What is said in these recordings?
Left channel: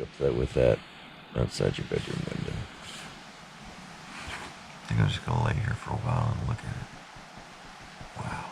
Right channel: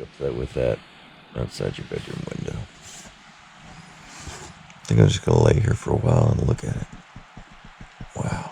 look up that with that outside your bedroom window. I think I'm just gonna lay here for a while and look at it. Wow.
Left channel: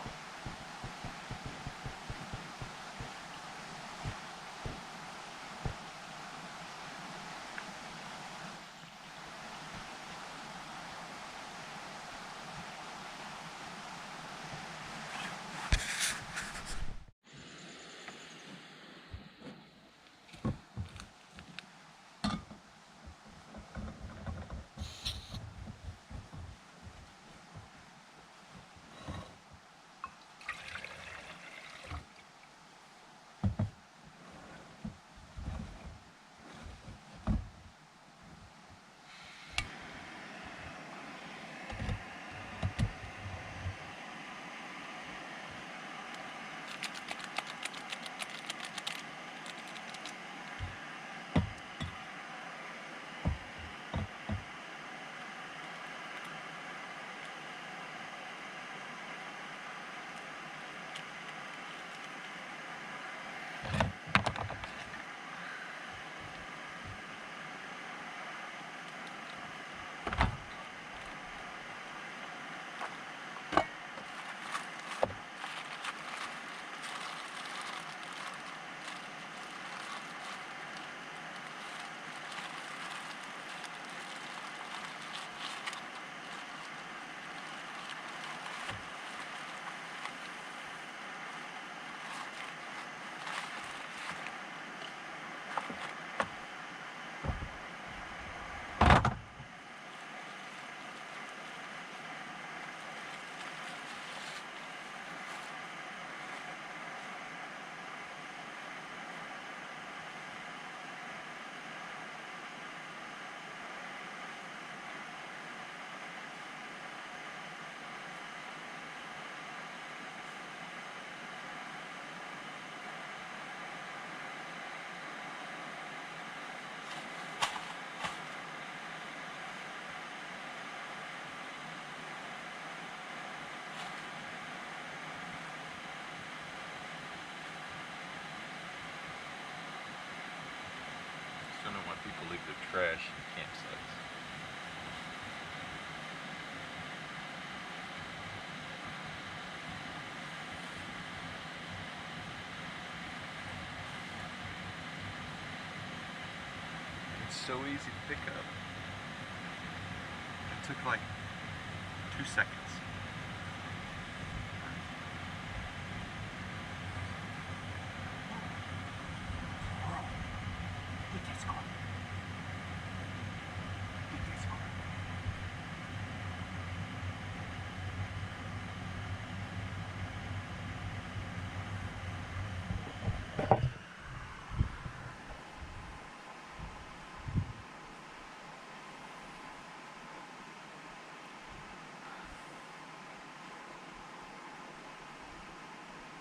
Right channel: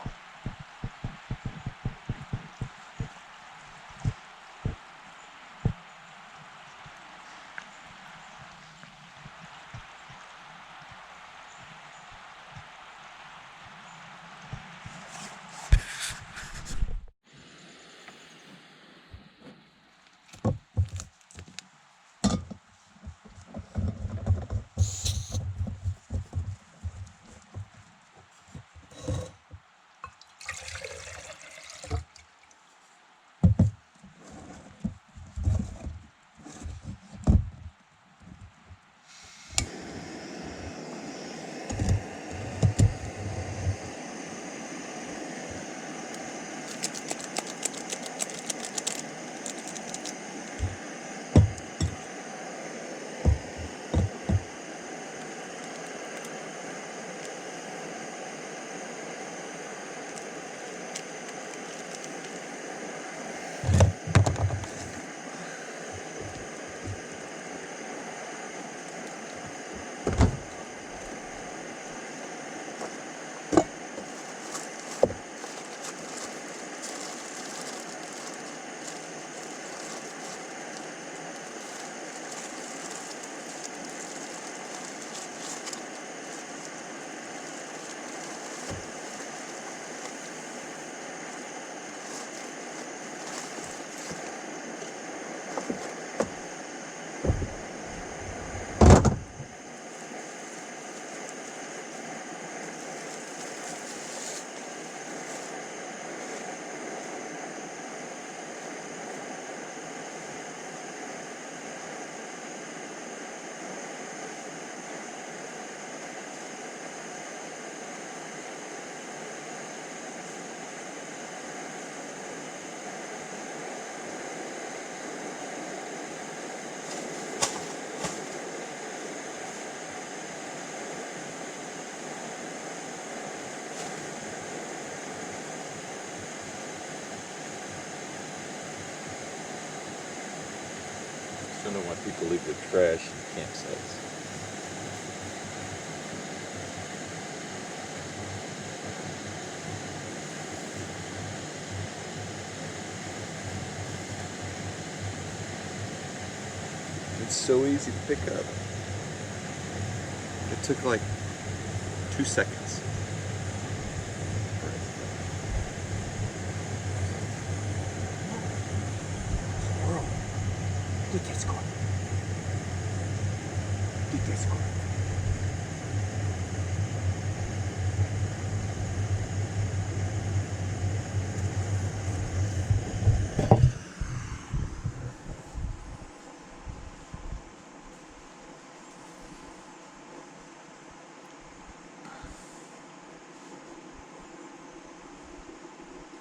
I don't know why people leave their trash in campsites. It's so easy to pick up. It took like 2 seconds.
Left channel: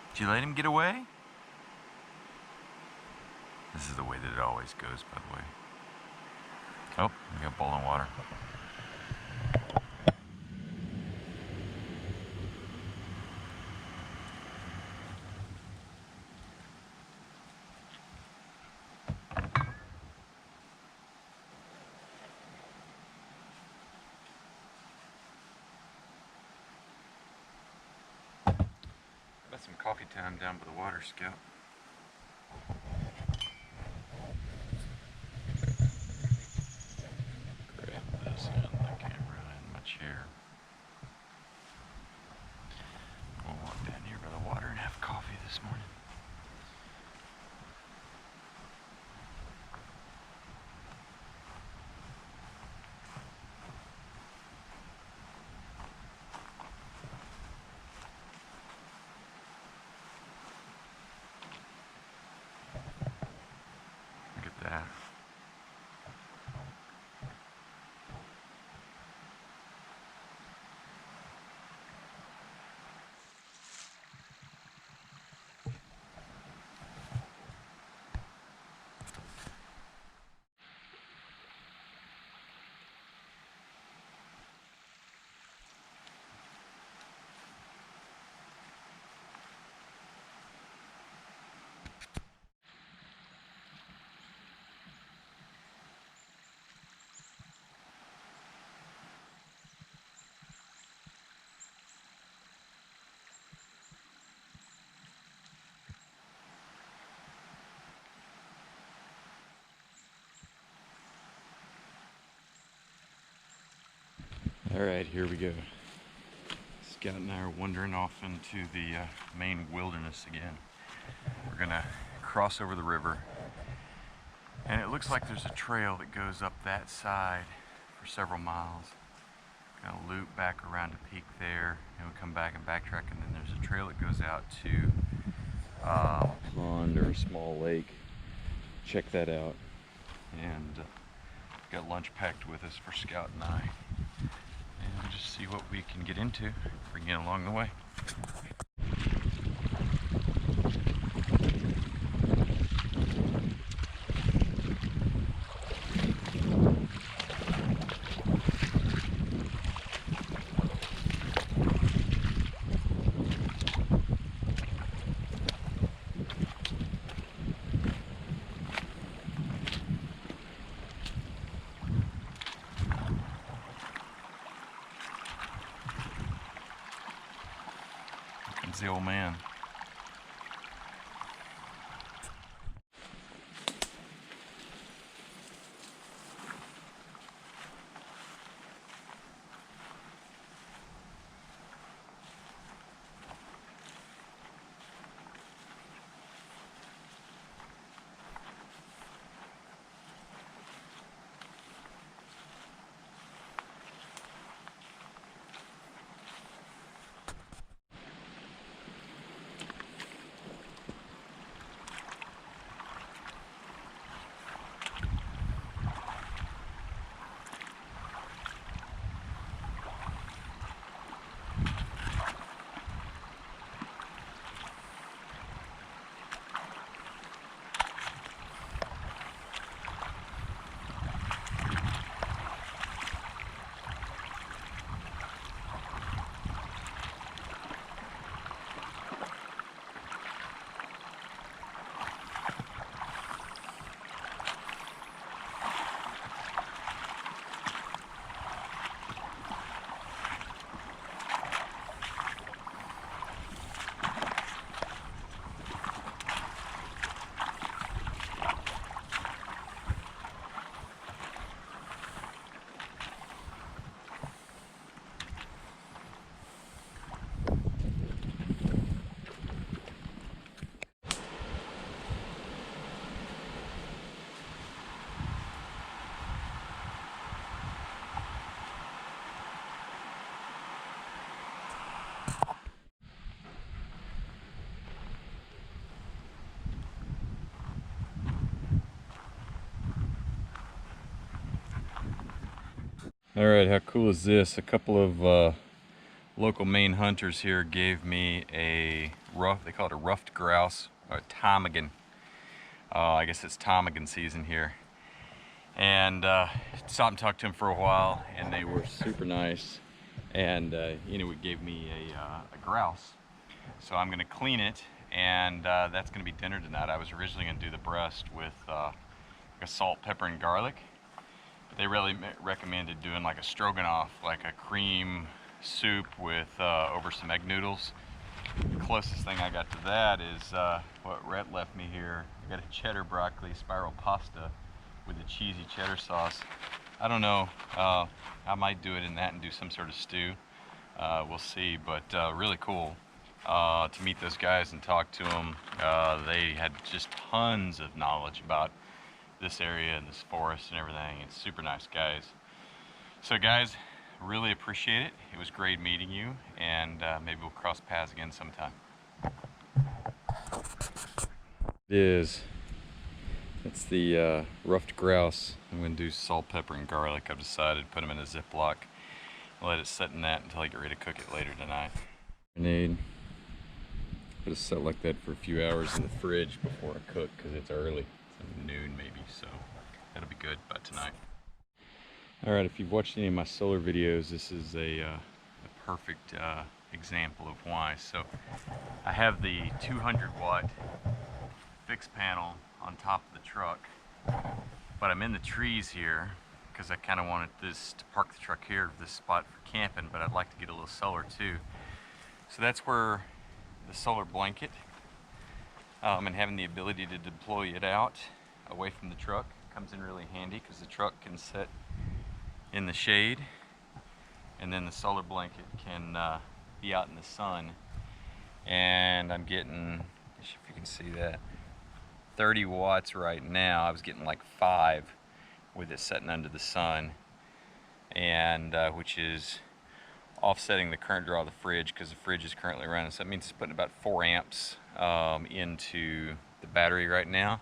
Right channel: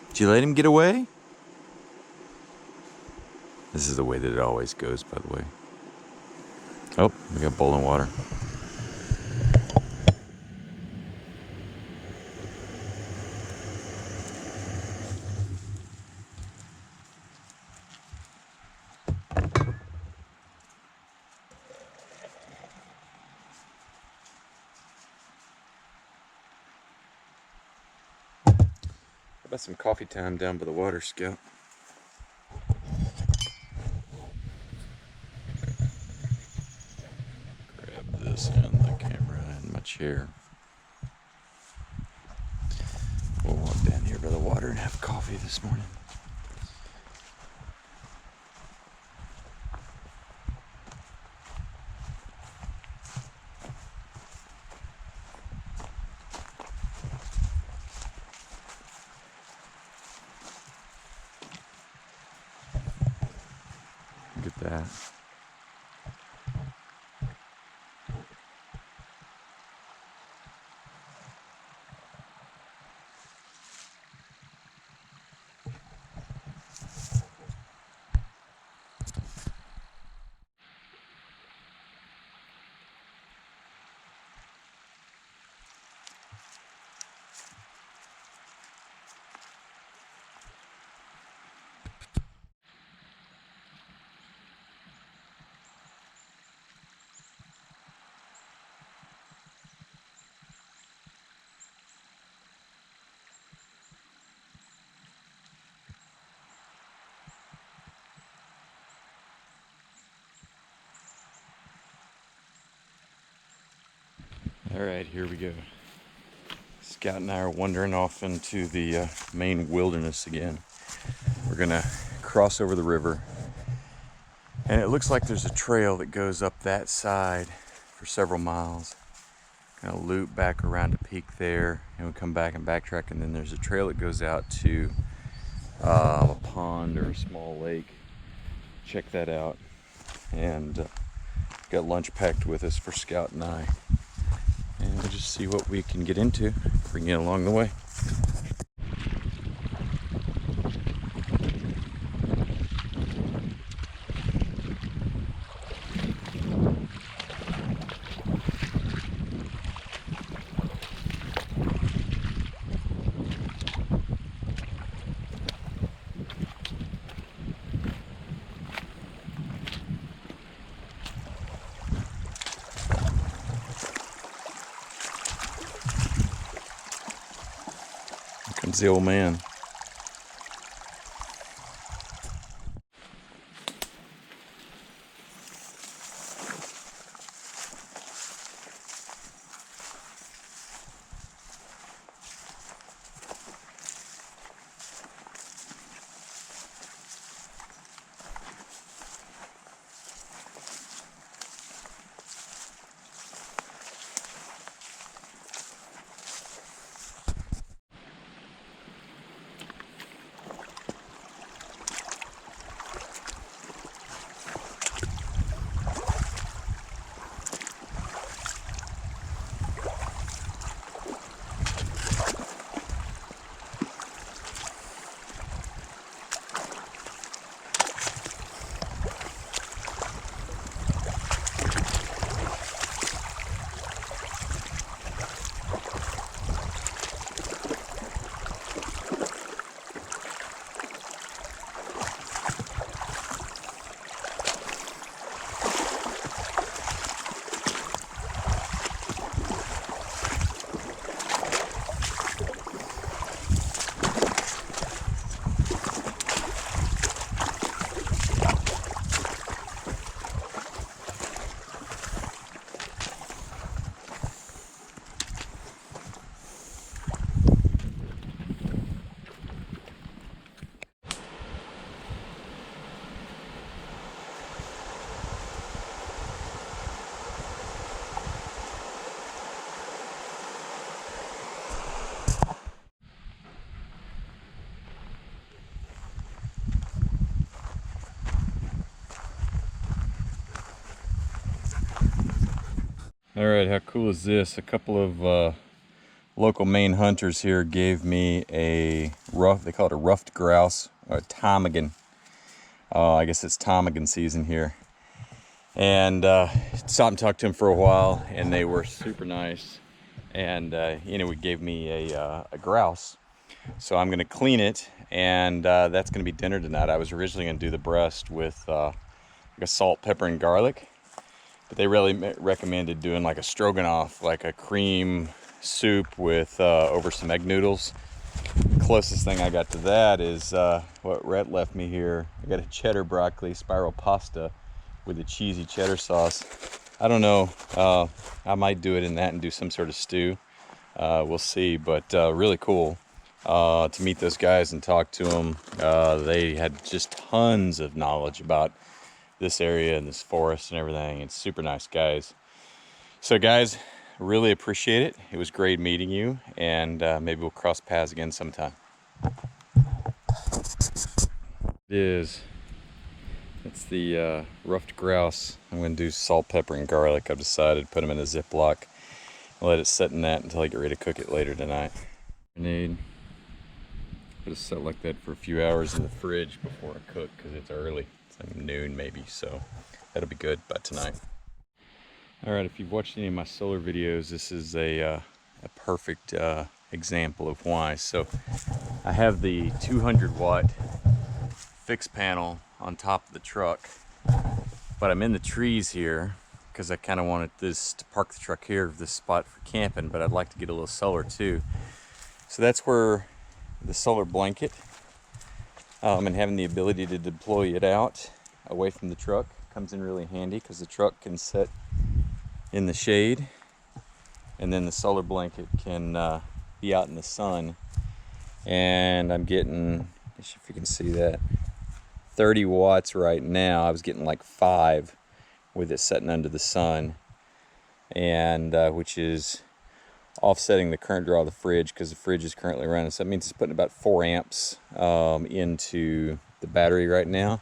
Did you let him get away? This is the way that it always goes, by the way. Oh, we got boiling water. How about some coffee time down by the water, Scout? Grab this and the camera and my chair. We'll walk down here by the water and have coffee this morning. Look at that. All right, here we go. Scout and I are wandering off into the Maine wilderness again. We're gonna cross over the river, and it looks like there's a trail that goes up that side for several miles. Kind of loop back around a peak there, and we come back and backtrack, and then there's a trail that goes out to a pond or a small lake. Check that out. And got lunch packed with us for Scout and I. And we'll just see what we can get into, bring you along the way. Here comes the old man. All right, how cool is this? A couple of local Maine hunters here gave me a they call it a ruffed grouse, or a ptarmigan. I guess it's ptarmigan season here. And stopped and talked to them for a while, and they were super nice. And it gave me a grouse. So I'm gonna clean it, and that's gonna be dinner tonight. I was originally gonna do the breast with like a salt, pepper, and garlic. But they really recommended doing like a stroganoff, like a cream soup with over some egg noodles. The closest thing I got to that is what Rhett left me here. I got a cheddar broccoli spiral pasta with a cheesy cheddar sauce. I don't know, I might do it in that and do some sort of stew. We'll see, but really cool to meet those guys and talk to them. They had just tons of knowledge about this area and this forest and everything. It's super nice guys. So guys, really appreciate it. It was great meeting you, and maybe we'll cross paths again sometime. It's the ruffed grouse. I'm going to do salt, pepper, and garlic. I've decided, put them in a Ziploc and let it sit in that until I get ready to cook it later tonight. Grenade. Put it set like that for a few hours in the fridge before I cook, because it's early. It's like noon maybe, so that'll be good by tonight. All right, if you've watched any of my solar videos, this is a perfect example of why. So I have the 200-watt fixed panel on top of the truck, but I'm in the trees here because I kind of wanted this to park the truck here, this spot for camping, but I'd like to get a little solar too. So that's where the solar blanket and having the ability to deploy it out away from the truck comes in really handy, because the truck can sit in the shade and then the solar blanket can be out in the sun. And I'm getting, if you can see that, 30 watts right now. I was getting like 5 with it sitting under the sun, and which is offsetting the current draw of the fridge, because the fridge is currently running. So that means it's putting about 4 amps into the battery right now.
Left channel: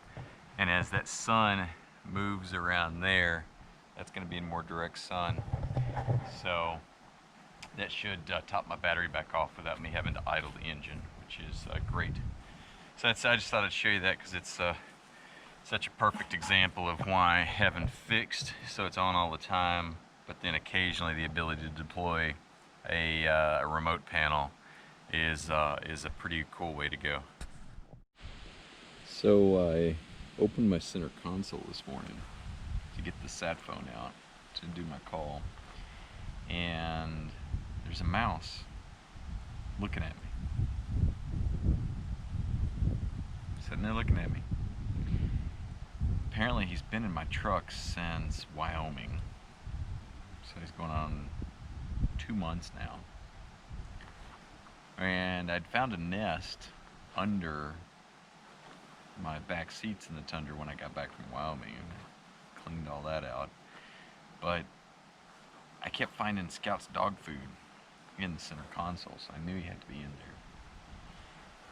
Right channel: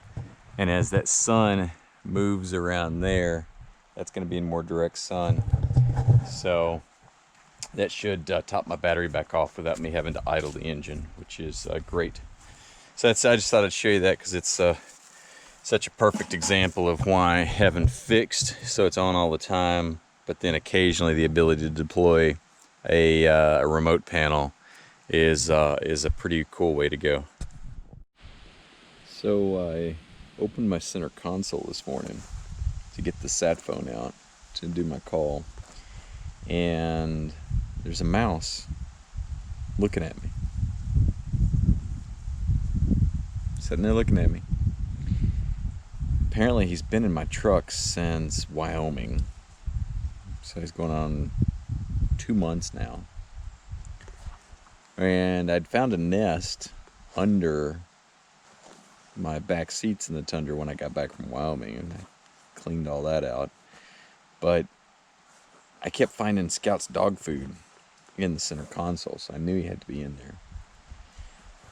And as that sun moves around there, that's going to be in more direct sun. So that should top my battery back off without me having to idle the engine, which is great. So that's, I just thought I'd show you that because it's such a perfect example of why having fixed so it's on all the time, but then occasionally the ability to deploy a remote panel is a pretty cool way to go. So I opened my center console this morning to get the sat phone out to do my call, and there's a mouse looking at me, sitting there looking at me. Apparently he's been in my truck since Wyoming, so he's going on 2 months now. And I'd found a nest under my back seats in the Tundra when I got back from Wyoming, and I cleaned all that out. But I kept finding Scout's dog food in the center console, so I knew he had to be in there.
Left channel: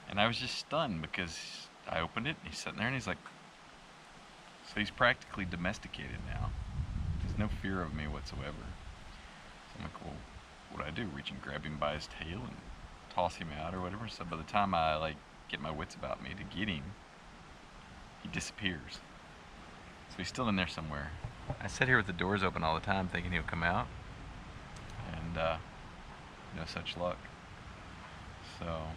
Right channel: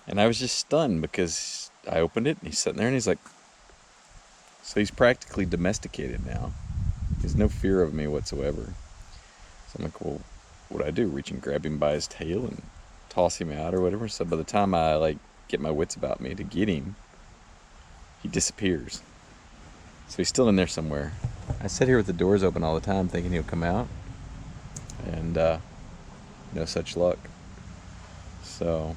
And I was just stunned because I opened it and he's sitting there and he's like, so he's practically domesticated now. There's no fear of me whatsoever. So I'm like, well, what do I do? Reach and grab him by his tail and toss him out or whatever? So by the time I like get my wits about me to get him, he disappears. So he's still in there somewhere. I sit here with the doors open all the time thinking he'll come out, and no such luck. So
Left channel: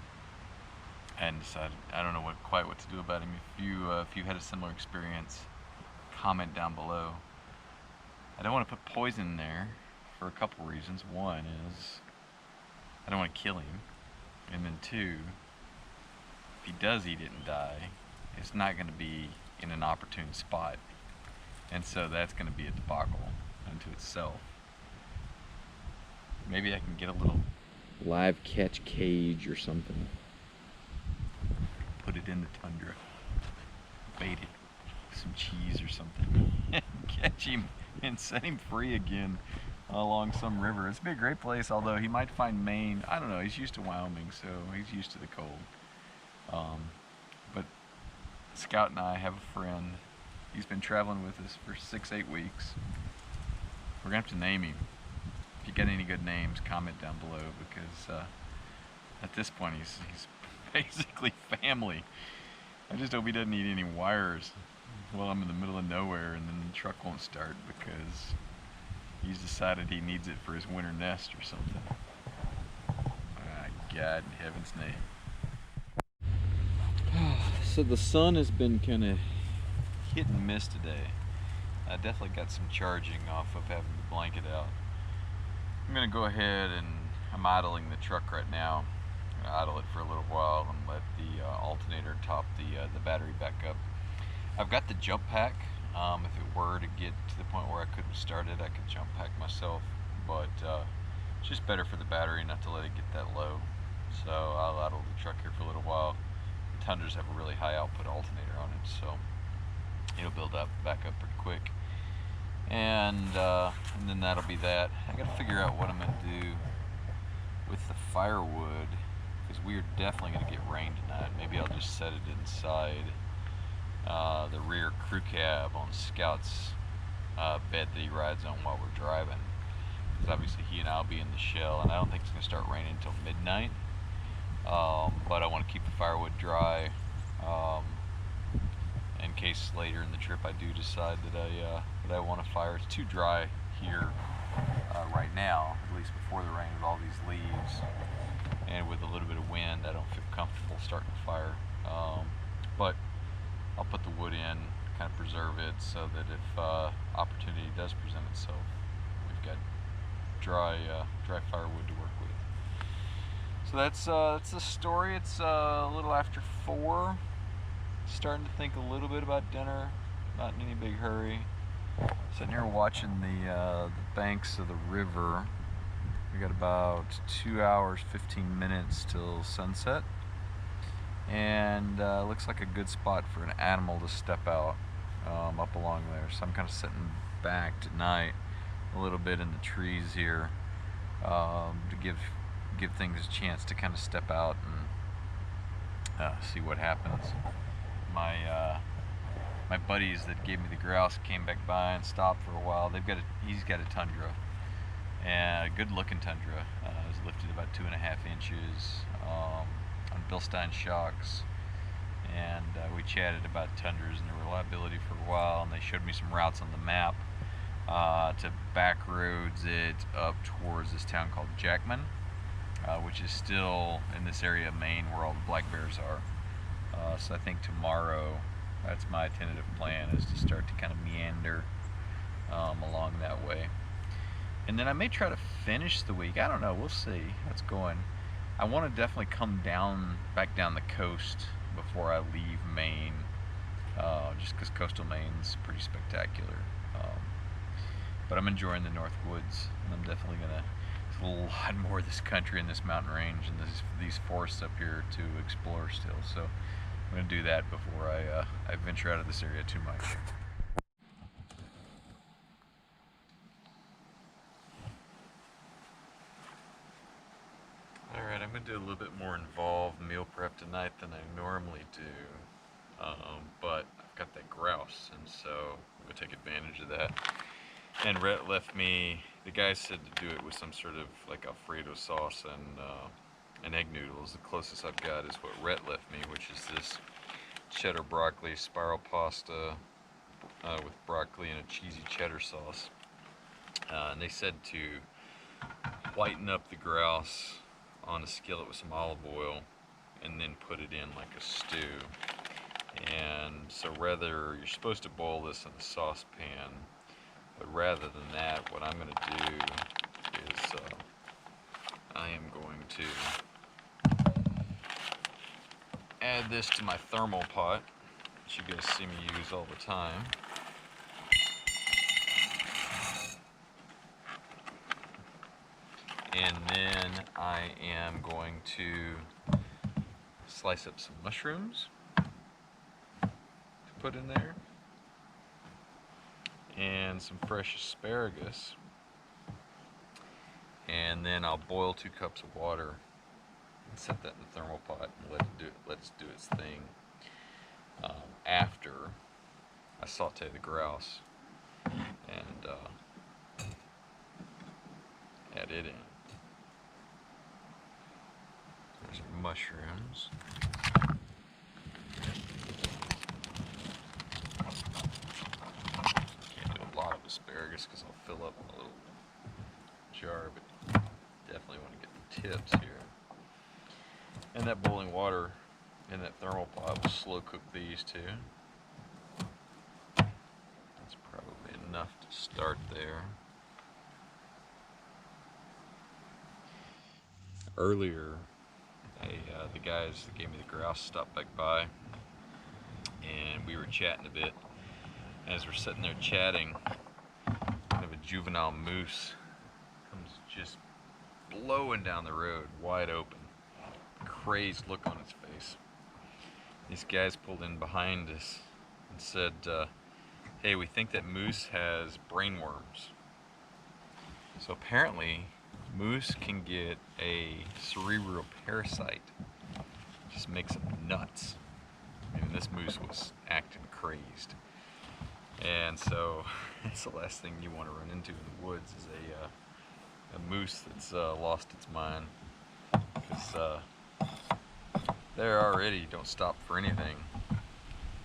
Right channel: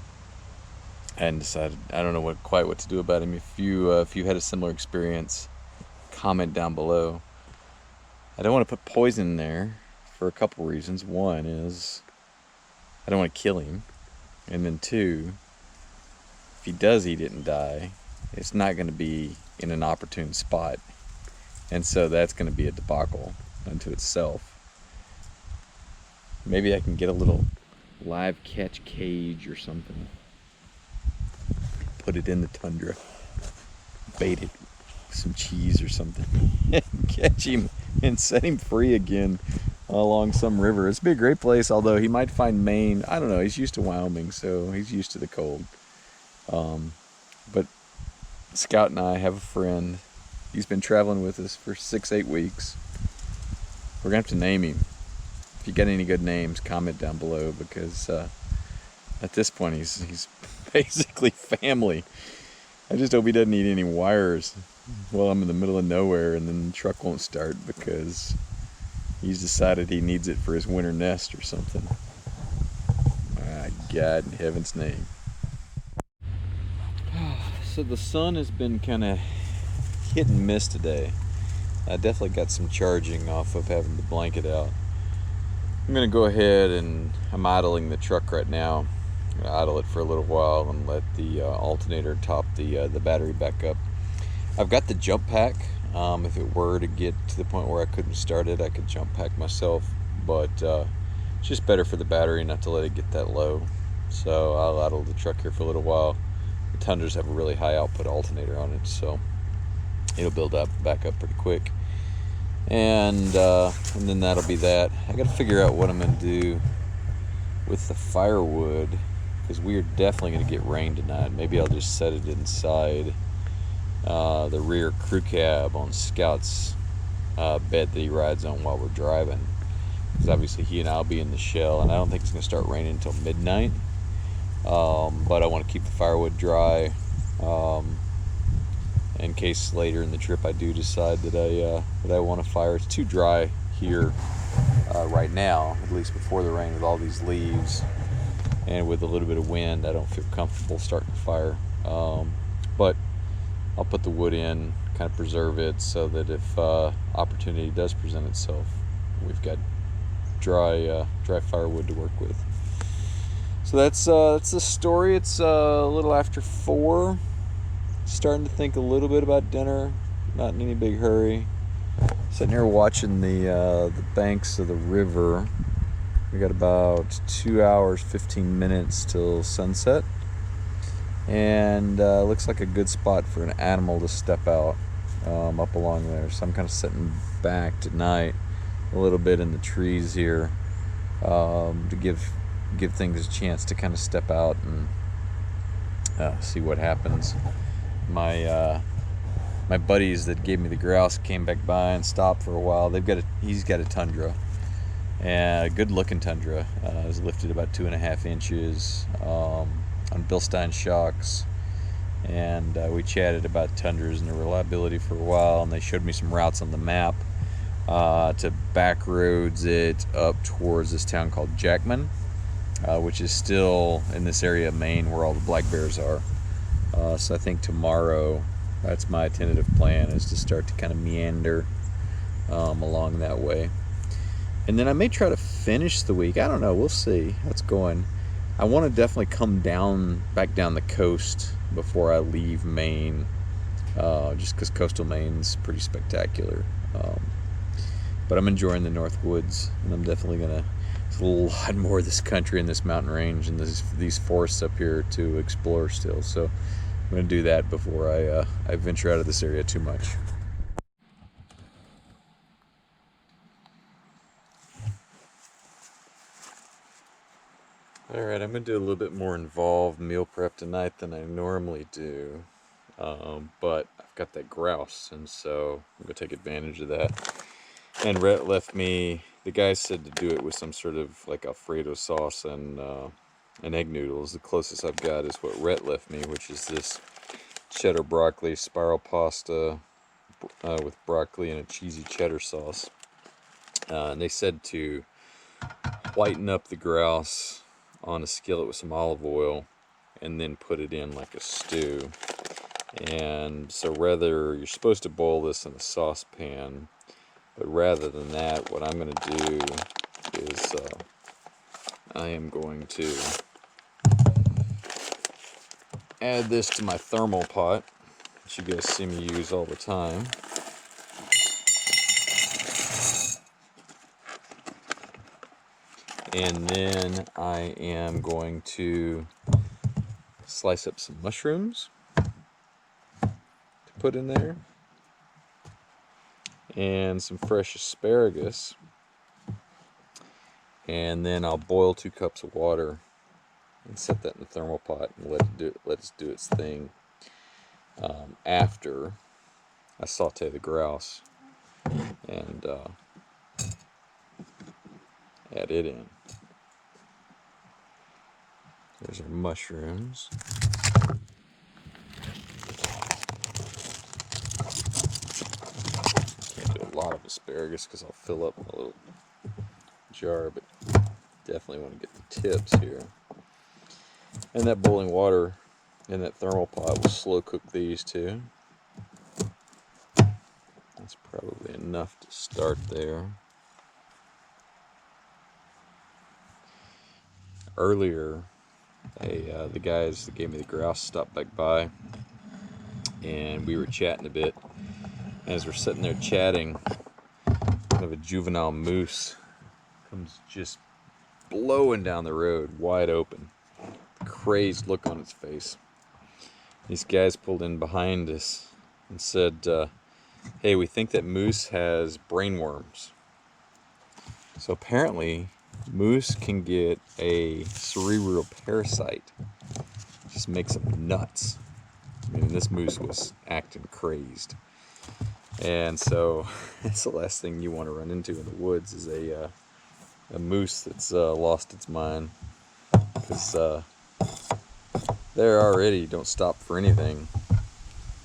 I hadn't decided. I don't know quite what to do about him. If you had a similar experience, comment down below. I don't want to put poison in there for a couple reasons. One is I don't want to kill him, and then two, if he does eat it and die, it's not going to be in an opportune spot, and so that's going to be a debacle unto itself. Maybe I can get a little live catch cage or something, put it in the Tundra, bait it with some cheese or something, and catch him and set him free again along some river. It's be a great place, although he might find Maine. I don't know, he's used to Wyoming, so he's used to the cold. But Scout and I have a friend. He's been traveling with us for 6-8 weeks. We're gonna have to name him. If you got any good names, comment down below, because at this point he's basically family. I just hope he doesn't eat any wires while I'm in the middle of nowhere and then the truck won't start because he's decided he needs it for his winter nest or something. My God in heaven's name. So the sun has been kind of hit and miss today. I definitely got some charging off of having the blanket out. I'm gonna go ahead and I'm idling the truck right now. I'm gonna idle it for a little while and let the alternator top the battery back up. I've got the jump pack. If it were to get to the point where I couldn't start it, I could jump pack myself, but it's just better for the battery not to let it get that low. So I'll idle the truck here for a little while. The Tundras have a really high output alternator on it, so it'll build up back up pretty quick. And then that'll be that. I gotta figure out what I'm gonna do with the firewood, because we are definitely gonna get rain tonight. Maybe I'll just set it inside the rear crew cab on Scout's bed that he rides on while we're driving, because obviously he and I'll be in the shell, and I don't think it's gonna start raining until midnight. But I want to keep the firewood dry in case later in the trip I do decide that I want to fire. It's too dry here right now, at least before the rain, with all these leaves and with a little bit of wind. I don't feel comfortable starting a fire, but I'll put the wood in, kind of preserve it, so that if opportunity does present itself, we've got dry firewood to work with. So that's the story. It's a little after 4. Starting to think a little bit about dinner. Not in any big hurry. Sitting here watching the banks of the river We got about 2 hours, 15 minutes till sunset. And looks like a good spot for an animal to step out up along there. So I'm kind of sitting back tonight a little bit in the trees here to give things a chance to kind of step out and see what happens. My buddies that gave me the grouse came back by and stopped for a while. He's got a tundra, and a good looking tundra. It was lifted about 2.5 inches on Bilstein shocks, and we chatted about tundras and their reliability for a while, and they showed me some routes on the map to back roads it up towards this town called Jackman, which is still in this area of Maine where all the black bears are. So I think tomorrow, that's my tentative plan, is to start to kind of meander along that way. And then I may try to finish the week. I don't know, we'll see how it's going. I want to definitely come back down the coast before I leave Maine, just because coastal Maine's pretty spectacular. But I'm enjoying the North Woods, and I'm definitely gonna. There's a lot more of this country and this mountain range and these forests up here to explore still. So I'm gonna do that before I venture out of this area too much. Alright, I'm going to do a little bit more involved meal prep tonight than I normally do, but I've got that grouse, and so I'm going to take advantage of that. And Rhett left me, the guy said to do it with some sort of like Alfredo sauce and egg noodles. The closest I've got is what Rhett left me, which is this cheddar broccoli spiral pasta with broccoli and a cheesy cheddar sauce. And they said to whiten up the grouse on a skillet with some olive oil and then put it in like a stew. And so you're supposed to boil this in a saucepan, but rather than that, what I'm going to do is I am going to add this to my thermal pot, which you guys see me use all the time. And then I am going to slice up some mushrooms to put in there, and some fresh asparagus. And then I'll boil 2 cups of water and set that in the thermal pot and let it do its thing after I saute the grouse and add it in. There's our mushrooms. Can't do a lot of asparagus because I'll fill up my little jar, but definitely want to get the tips here. And that boiling water in that thermal pot will slow cook these too. That's probably enough to start there. Earlier, the guys that gave me the grouse stopped back by, and we were chatting a bit. As we're sitting there chatting, kind of a juvenile moose comes just blowing down the road, wide open, crazed look on its face. These guys pulled in behind us and said, hey, we think that moose has brainworms. So apparently moose can get a cerebral parasite. Just makes them nuts. I mean, this moose was acting crazed. And so that's the last thing you want to run into in the woods is a moose that's lost its mind. Because they already don't stop for anything.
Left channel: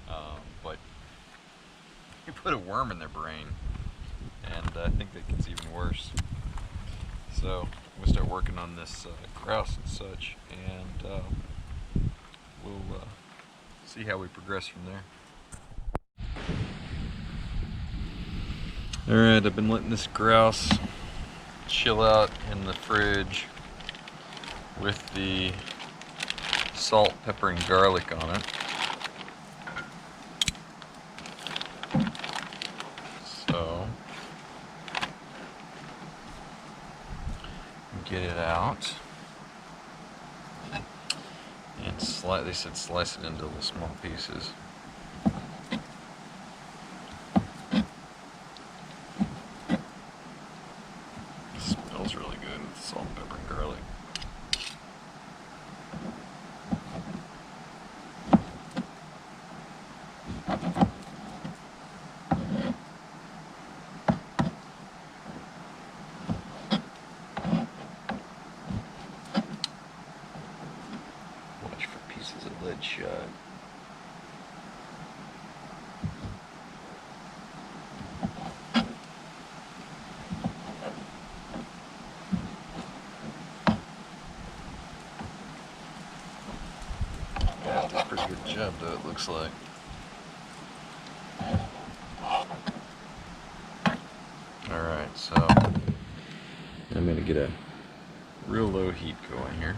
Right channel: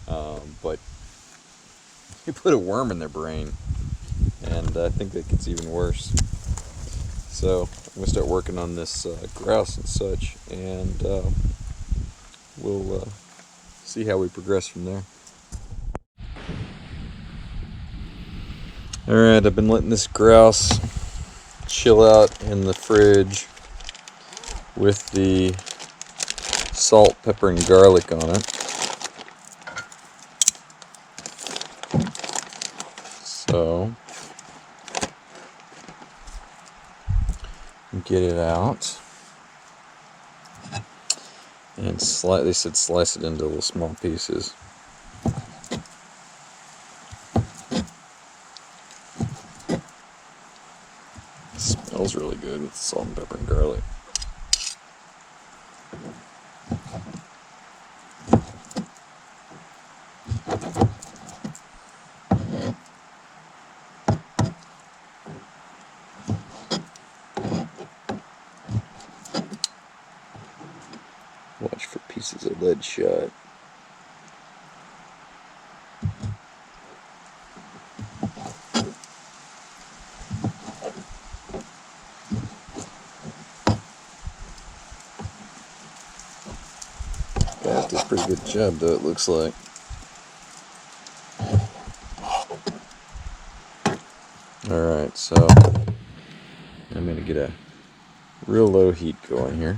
But you put a worm in their brain, and I think that gets even worse. So I'm going to start working on this grouse and such, and we'll see how we progress from there. Alright, I've been letting this grouse chill out in the fridge with the salt, pepper, and garlic on it. So I'm get it out. And they said slice it into little small pieces. Smells really good with the salt and pepper and garlic. Watch for pieces of lead shot. Guys did a pretty good job though, it looks like. Alright, so I'm going to get a real low heat going here.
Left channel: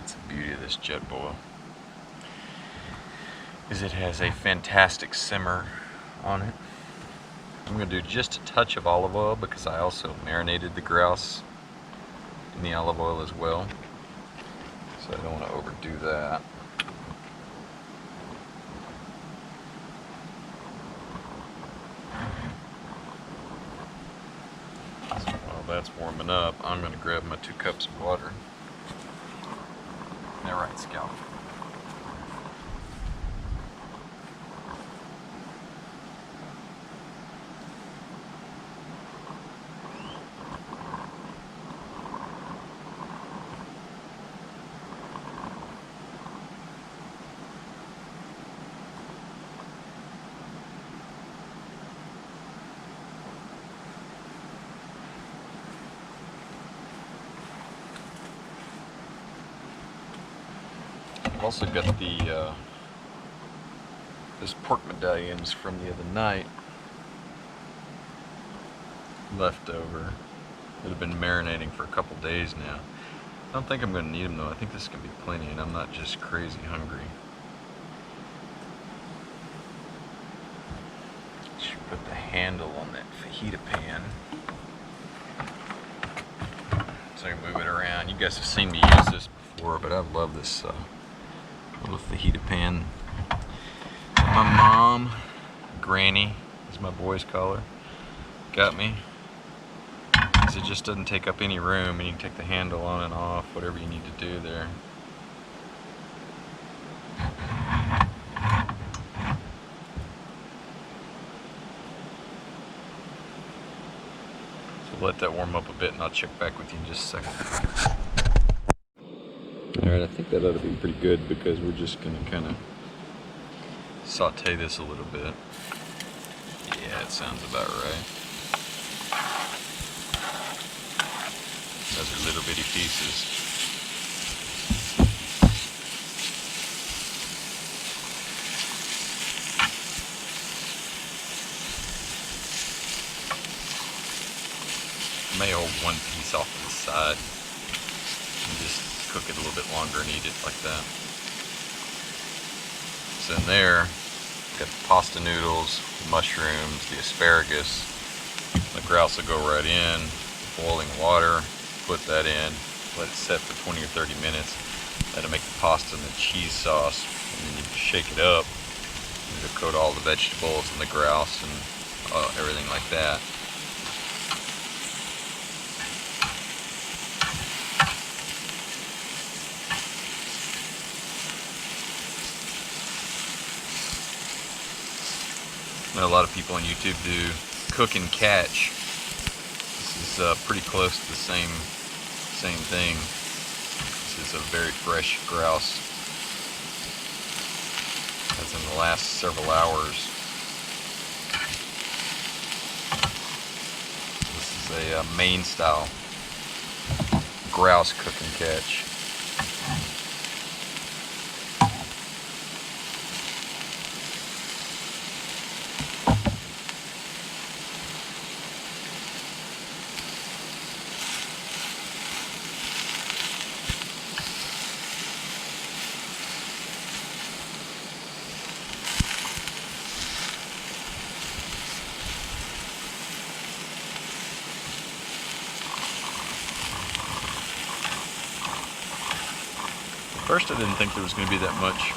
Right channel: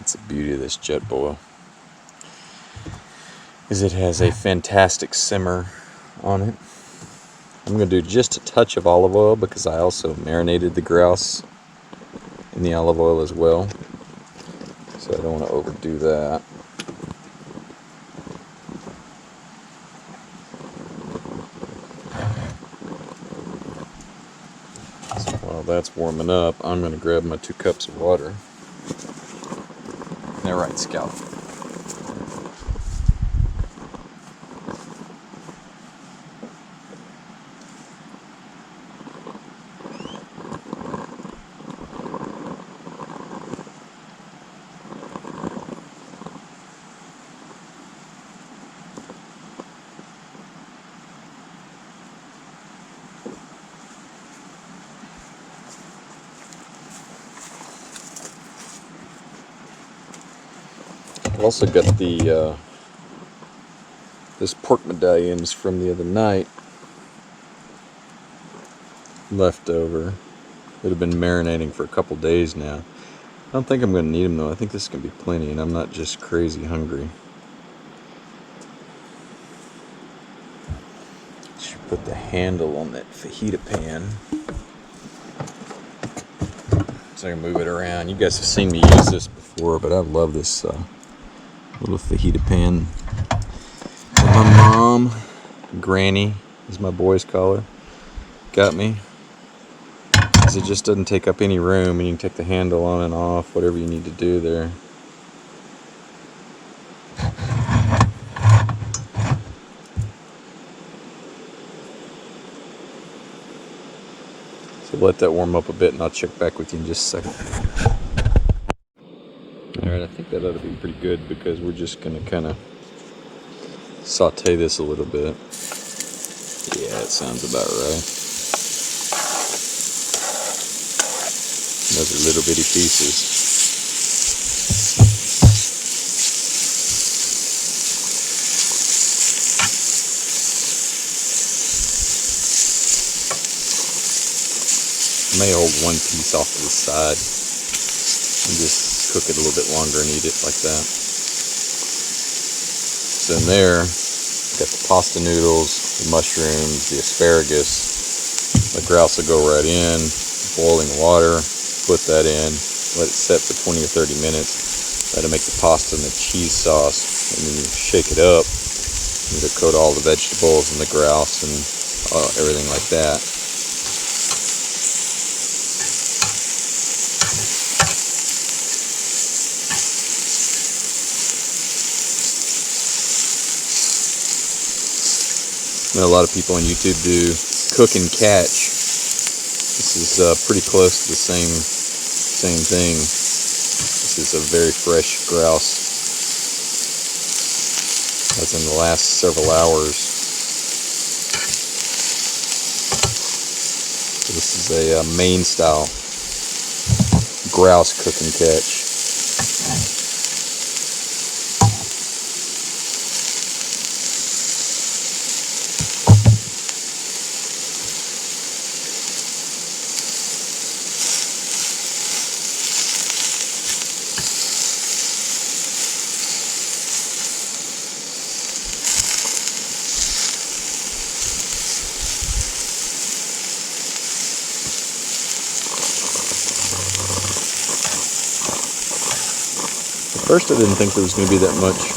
It's the beauty of this jet boil, is it has a fantastic simmer on it. I'm going to do just a touch of olive oil because I also marinated the grouse in the olive oil as well, so I don't want to overdo that. So while that's warming up, I'm going to grab my 2 cups of water. All right, Scout. I've also got the this pork medallions from the other night left over that have been marinating for a couple days now. I don't think I'm going to need them though. I think this can be plenty, and I'm not just crazy hungry. Should put the handle on that fajita pan so I can move it around. You guys have seen me use this before, but I love this little fajita pan that my mom, Granny, as my boys call her, got me. Because it just doesn't take up any room, and you can take the handle on and off, whatever you need to do there. So let that warm up a bit, and I'll check back with you in just a second. Alright, I think that ought to be pretty good because we're just going to kind of saute this a little bit. Yeah, it sounds about right. Those are little bitty pieces. I may hold one piece off to the side and just cook it a little bit longer and eat it like that. So in there, got the pasta noodles, the mushrooms, the asparagus. The grouse will go right in, boiling water, put that in, let it set for 20 or 30 minutes. That'll make the pasta and the cheese sauce, and then you shake it up, and it'll coat all the vegetables and the grouse and everything like that. I know a lot of people on YouTube do cook and catch. This is pretty close to the same thing. This is a very fresh grouse, as in the last several hours. So this is a Maine style grouse cook and catch. At first I didn't think there was going to be that much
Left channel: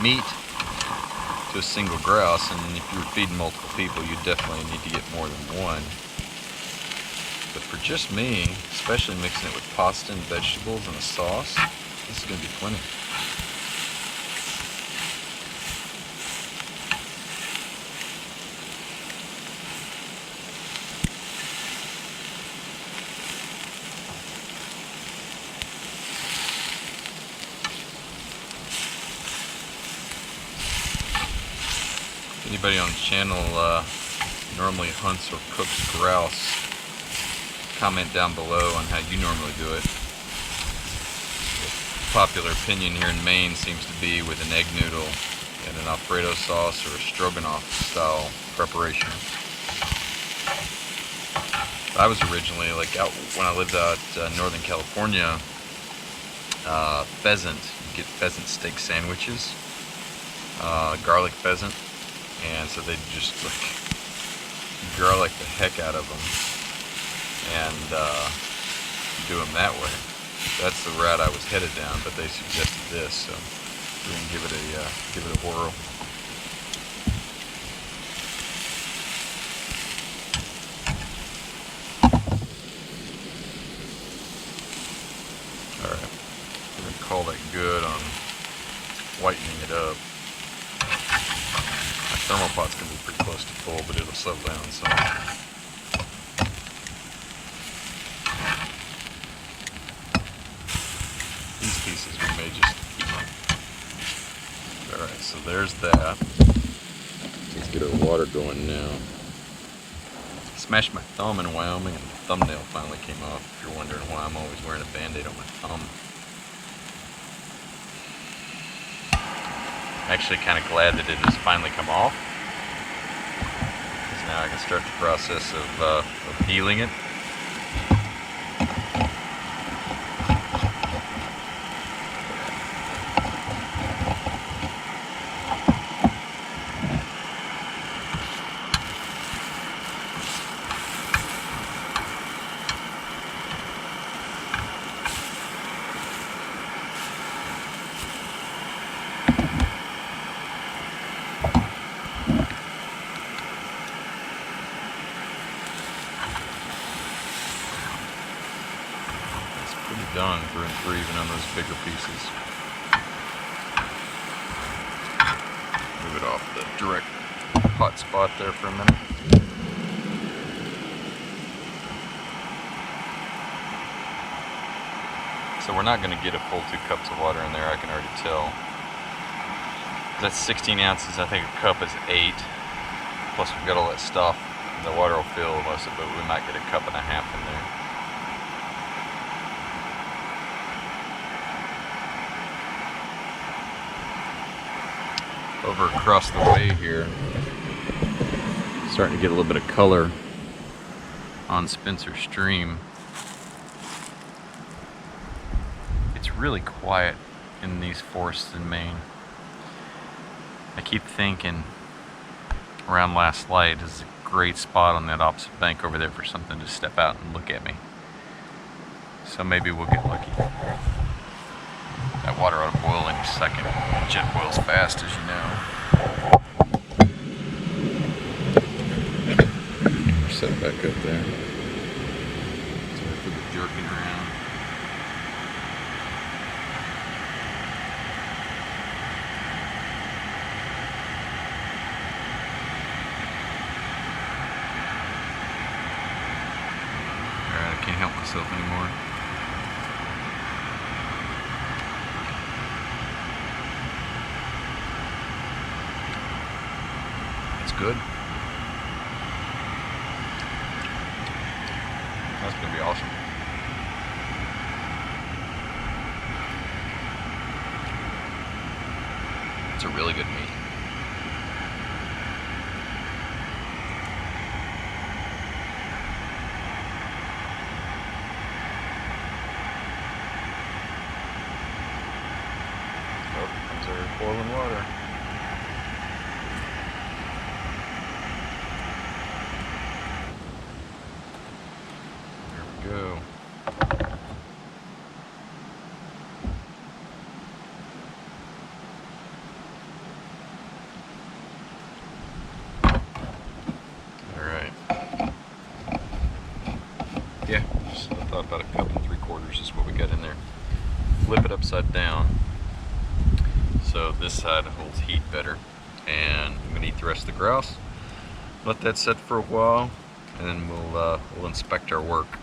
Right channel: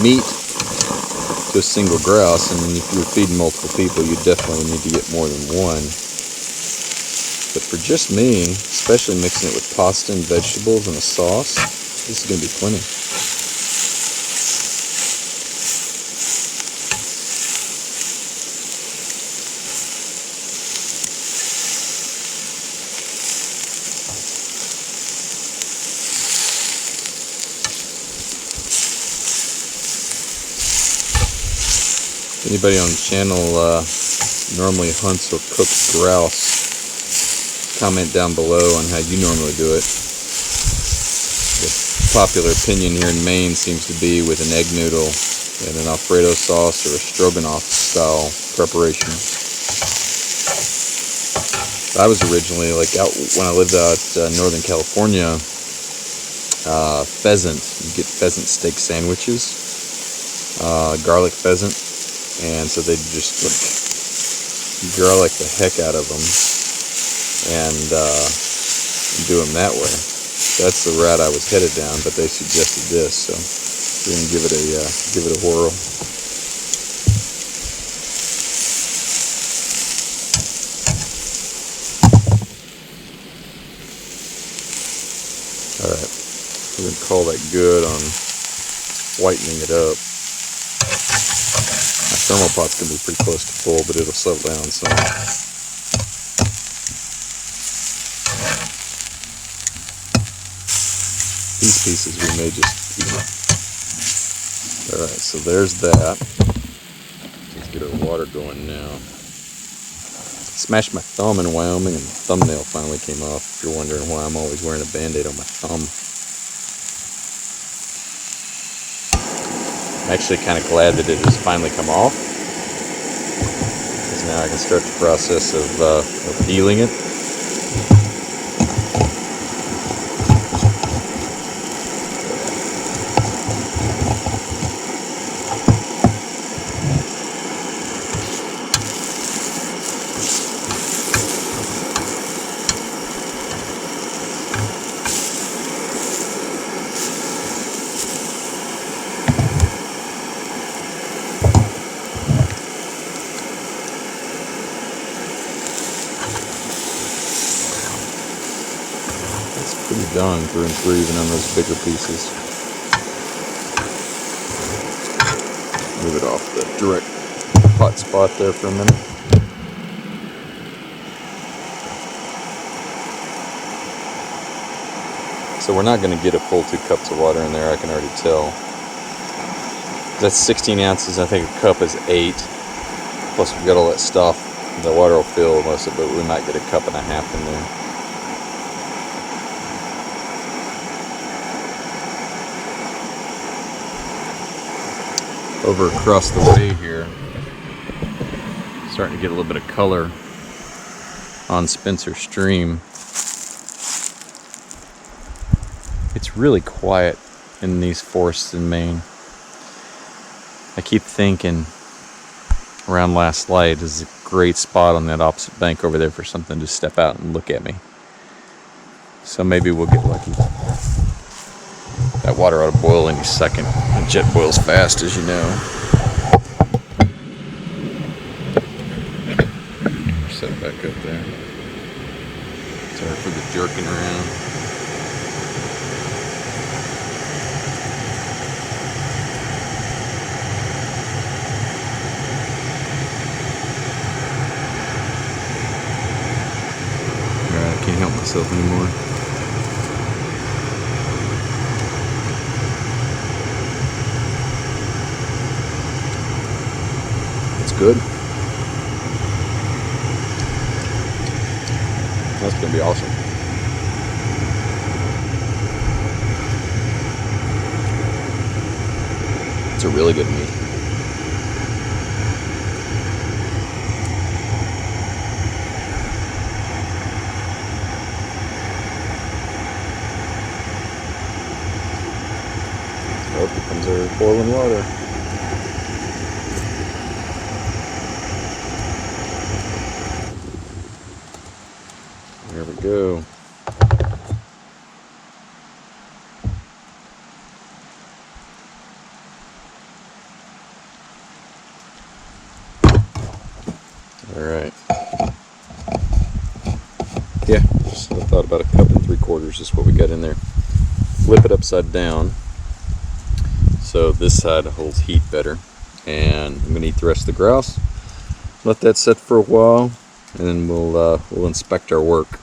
meat to a single grouse, and if you were feeding multiple people, you definitely need to get more than one. But for just me, especially mixing it with pasta and vegetables and a sauce, this is going to be plenty. Anybody on the channel normally hunts or cooks grouse, comment down below on how you normally do it. The popular opinion here in Maine seems to be with an egg noodle and an Alfredo sauce or a stroganoff style preparation. I was originally, like, out when I lived out Northern California, pheasant. You get pheasant steak sandwiches, garlic pheasant. And so they just like garlic the heck out of them and do them that way. That's the route I was headed down, but they suggested this, so we're gonna give it a whirl. All right, we're gonna call that good on whitening it up. Thermal pot's going to be pretty close to full, but it'll settle down some. These pieces we may just eat. Alright, so there's that. Let's get our water going now. Smashed my thumb in Wyoming and the thumbnail finally came off, if you're wondering why I'm always wearing a band-aid on my thumb. I'm actually kind of glad that it has finally come off, because now I can start the process of healing it. Pretty done through and through, even on those bigger pieces. Move it off the direct hot spot there for a minute. So we're not going to get a full 2 cups of water in there, I can already tell. That's 16 ounces, I think a cup is 8. Plus we've got all that stuff. The water will fill most of it, but we might get a cup and a half in there. Over across the way here, starting to get a little bit of color on Spencer Stream. It's really quiet in these forests in Maine. I keep thinking around last light is a great spot on that opposite bank over there for something to step out and look at me. So maybe we'll get lucky. That water ought to boil any second. It jet boils fast, as you know. Set it back up there. Sorry for the jerking around. Alright, I can't help myself anymore. Good. That's going to be awesome. It's a really good meat. Oh, here comes our boiling water. There we go. I thought about a cup and 3/4 is what we got in there. Flip it upside down so this side holds heat better. And I'm gonna eat the rest of the grouse. Let that set for a while, and then we'll inspect our work.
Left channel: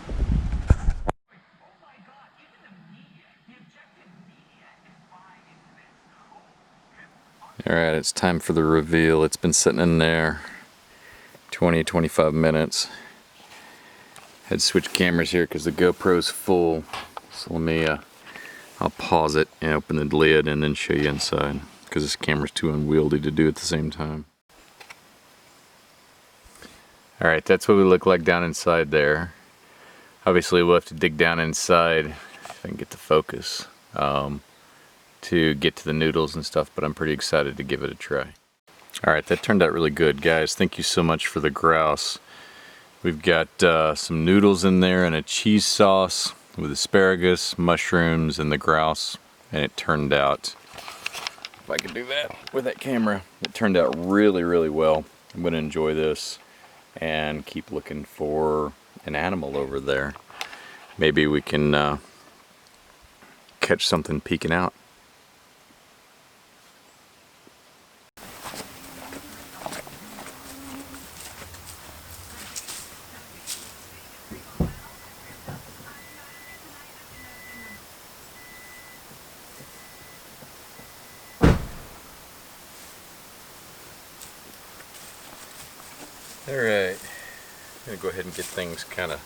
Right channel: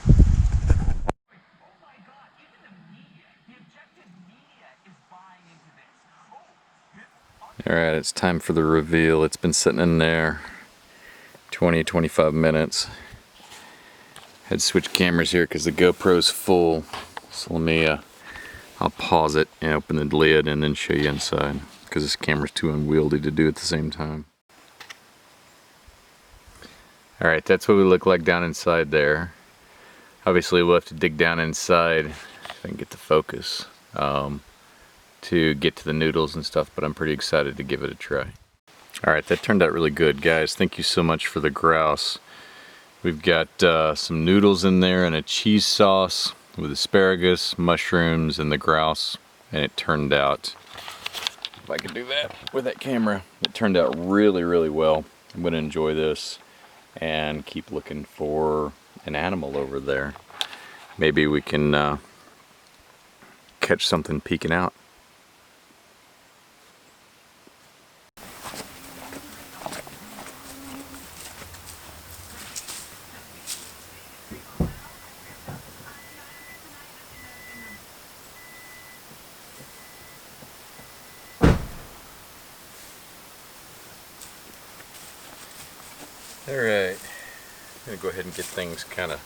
Alright, it's time for the reveal. It's been sitting in there 20-25 minutes. Had to switch cameras here because the GoPro's full. So let me, I'll pause it and open the lid and then show you inside because this camera's too unwieldy to do at the same time. Alright, that's what we look like down inside there. Obviously we'll have to dig down inside, if I can get the focus, to get to the noodles and stuff, but I'm pretty excited to give it a try. Alright, that turned out really good, guys. Thank you so much for the grouse. We've got some noodles in there and a cheese sauce with asparagus, mushrooms, and the grouse. And it turned out, if I could do that with that camera, it turned out really, really well. I'm going to enjoy this and keep looking for an animal over there. Maybe we can catch something peeking out. Alright, I'm going to go ahead and get things kind of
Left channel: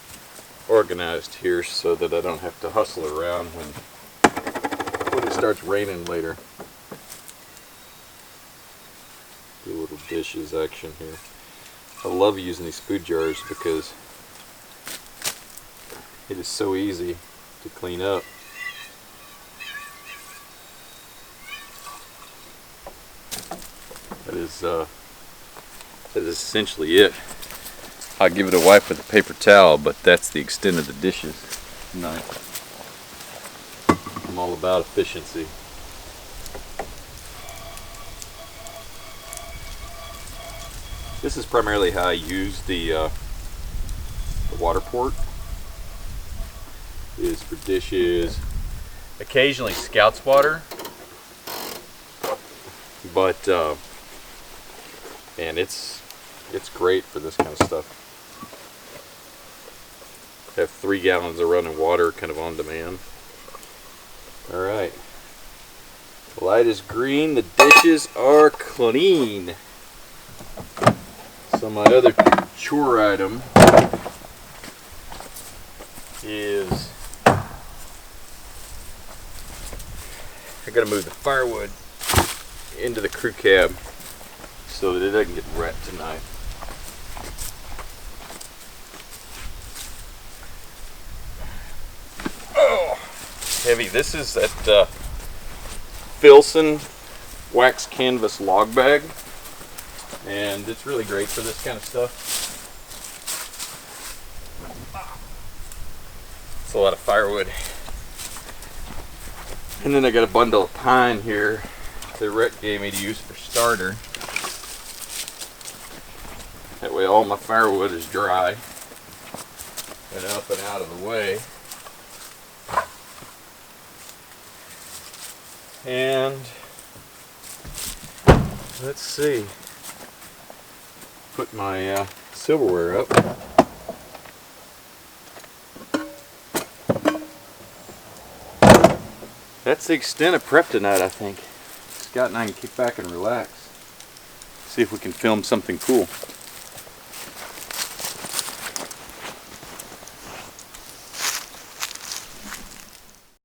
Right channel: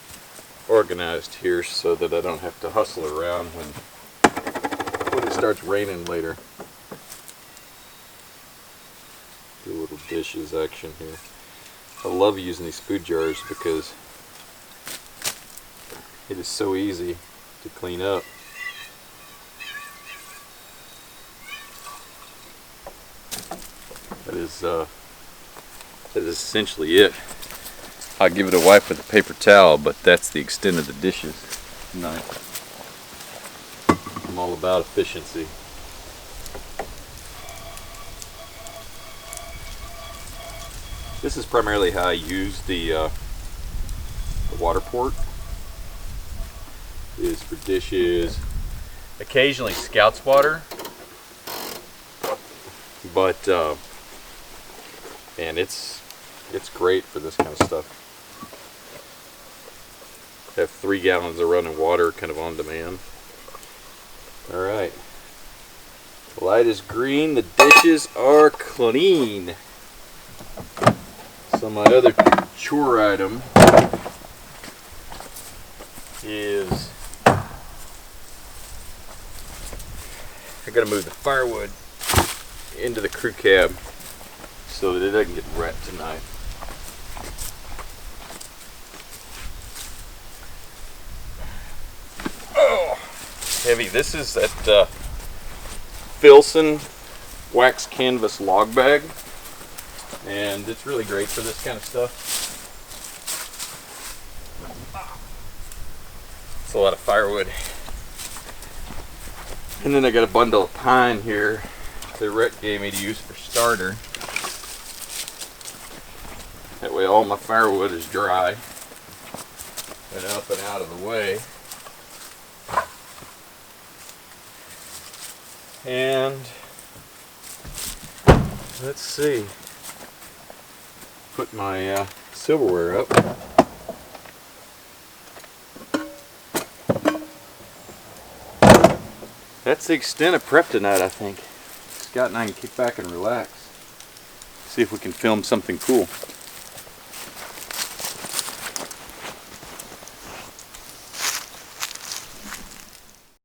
organized here so that I don't have to hustle around when it starts raining later. Do a little dishes action here. I love using these food jars because it is so easy to clean up. That is essentially it. I'll give it a wipe with a paper towel, but that's the extent of the dishes tonight. I'm all about efficiency. This is primarily how I use the water port. Is for dishes. Occasionally Scout's water, but and it's great for this kind of stuff. I have 3 gallons of running water kind of on demand. Alright. The light is green, the dishes are clean. So my other chore item is I gotta move the firewood into the crew cab so that it doesn't get wet tonight. Oh, heavy. This is that Filson wax canvas log bag, and it's really great for this kind of stuff. It's a lot of firewood. And then I got a bundle of pine here that Rhett gave me to use for starter. That way all my firewood is dry and up and out of the way. And let's see, put my silverware up. That's the extent of prep tonight, I think. Scott and I can kick back and relax. See if we can film something cool.